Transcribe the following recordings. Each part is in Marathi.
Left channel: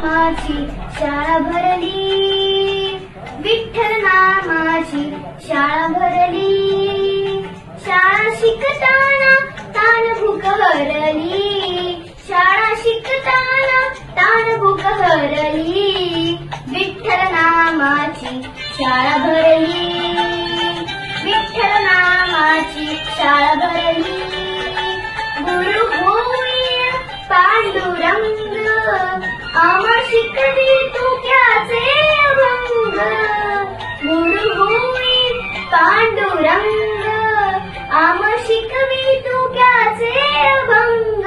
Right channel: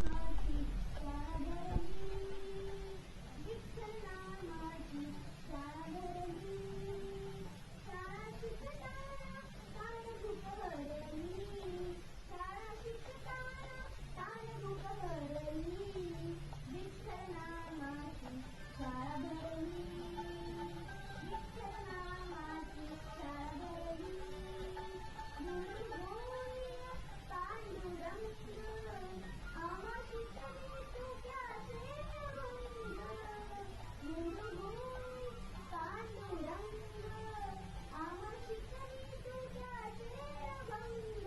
नामाची शाळा भरली, विठ्ठल नामाची शाळा भरली. शाळा शिकताना ताण भूक हरली, शाळा शिकताना ताण भूक हरली. विठ्ठल नामाची शाळा भरली, विठ्ठल नामाची शाळा भरली. गुरु होई पांडुरंग, आम्हा शिकवी तुक्याचे अभंग. गुरु होई पांडुरंग, आम्हा शिकवी तुक्याचे अभंग.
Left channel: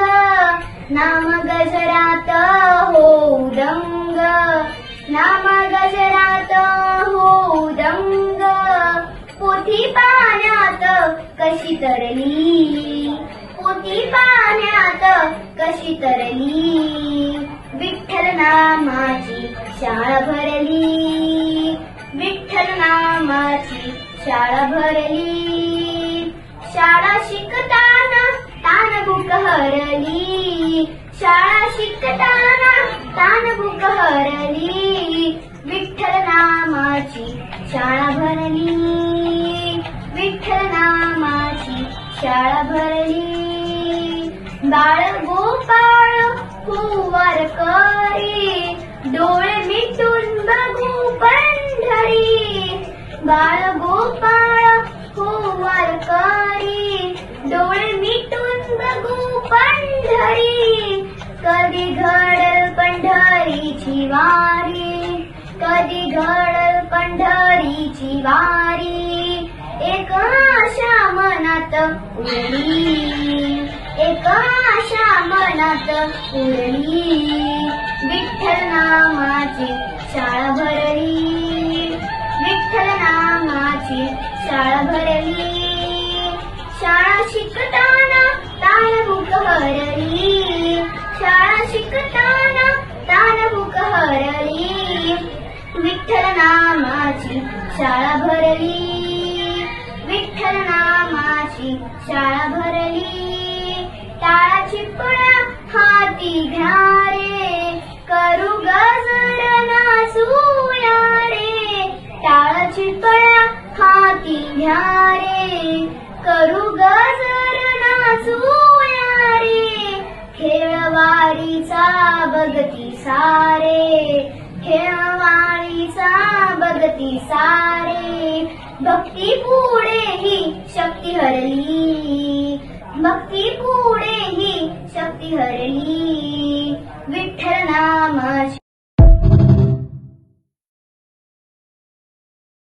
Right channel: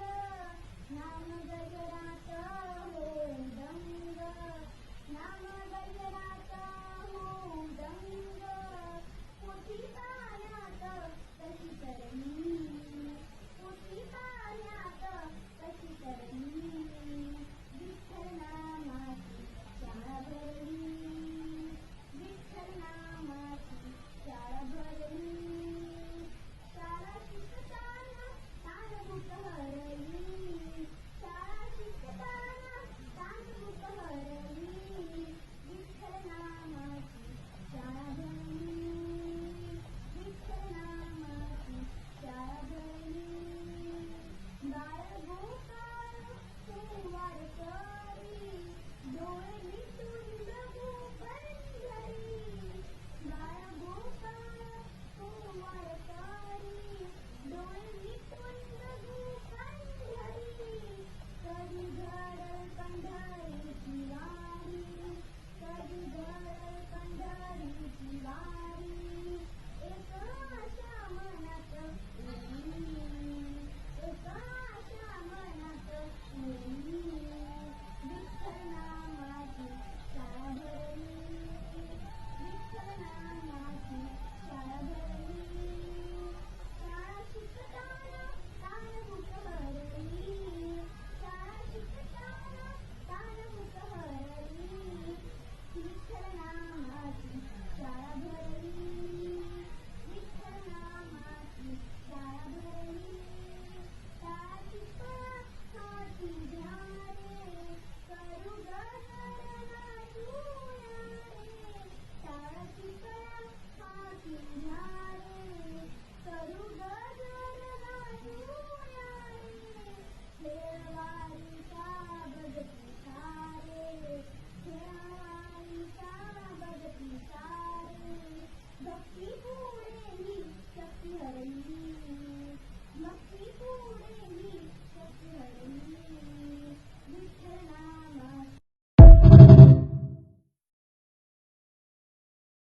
नाम गजरात होऊ दंग, नाम गजरात होऊ दंग. पोथी पाण्यात कशी तरली, पोथी पाण्यात कशी तरली. विठ्ठल नामाची शाळा भरली, विठ्ठल नामाची शाळा भरली. शाळा शिकताना ताण भूक हरली, शाळा शिकताना ताण भूक हरली. विठ्ठल नामाची शाळा भरली, विठ्ठल नामाची शाळा भरली. बाळ गोपाळ कुंवर करी, डोळे मिटून बघू पंढरी. बाळ गोपाळ कुंवर करी, डोळे मिटून बघू पंढरी. कधी घडल पंढरीची वारी, कधी घडल पंढरीची वारी. एक आशा मनात उरली, एक आशा मनात उरली. विठ्ठल नामाची शाळा भरली, विठ्ठल नामाची शाळा भरली. शाळा शिकताना ताण भूक हरली, शाळा शिकताना ताण भूक हरली. विठ्ठल नामाची शाळा भरली, विठ्ठल नामाची शाळा भरली. टाळा चिपळ्या हाती घ्या रे, करू गजर नाचूया रे. टाळा चिपळ्या हाती घ्या रे, करू गजर नाचूया रे. खेळवाडीचा बघती सारे, खेळवाडीचा बघती सारे. भक्ती पुढे ही शक्ती हरली, भक्ती पुढे ही शक्ती हरली. विठ्ठल नामाची